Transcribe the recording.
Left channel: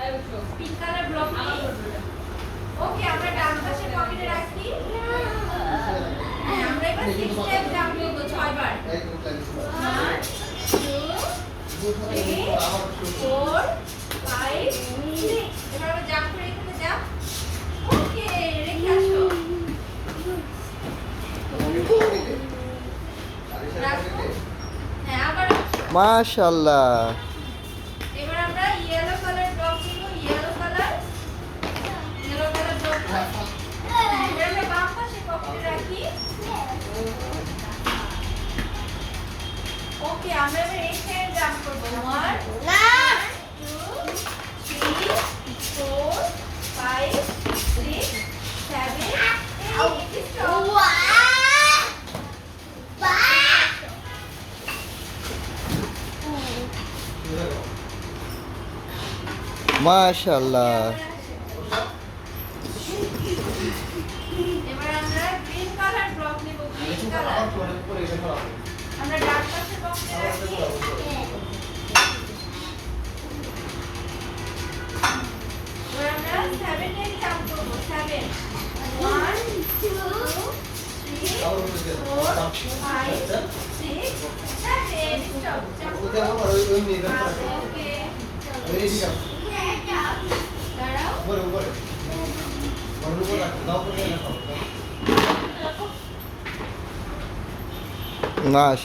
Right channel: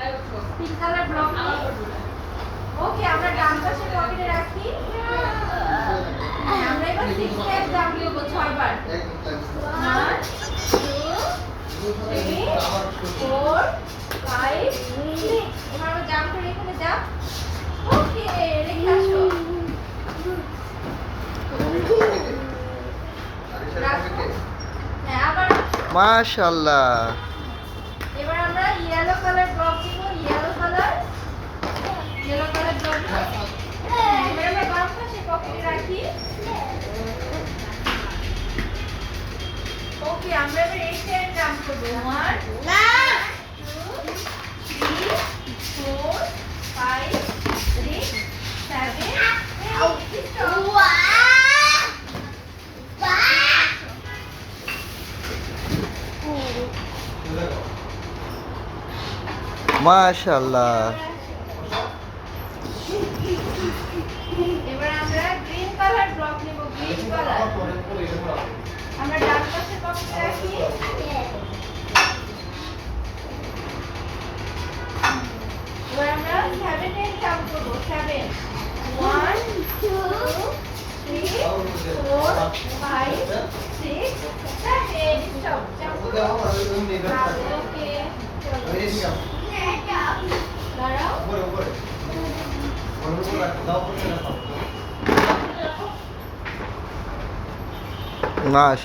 pink colour block ওকে আমরা ডান পাশে পকেটে রাখি আমরা এবার 6 স্টেপ জাম্প করব 6 বার 1 2 3 4 5 6 এবার আমরা জাম্প করে এখানে যাব ওকে রেখে আসো মাশাআল্লাহ এবার আমরা ইয়েলো কালার ড্রপ দিব ইয়েলো কালার ড্রপ এবার আমরা বাম পাশে পকেটে রাখি ওকে আমরা এবার এই সাইড জাম্প করব 1 2 3 4 5 6 7 মাশাআল্লাহ এবার আমরা গ্রিন কালার ব্লক নিব গ্রিন কালার আমরা ডান পাশে পকেটে রাখি এবার আমরা 7 টাইম জাম্প করব 7 1 2 3 4 5 6 7 স্টপ ওকে দাঁড়াও মাশাআল্লাহ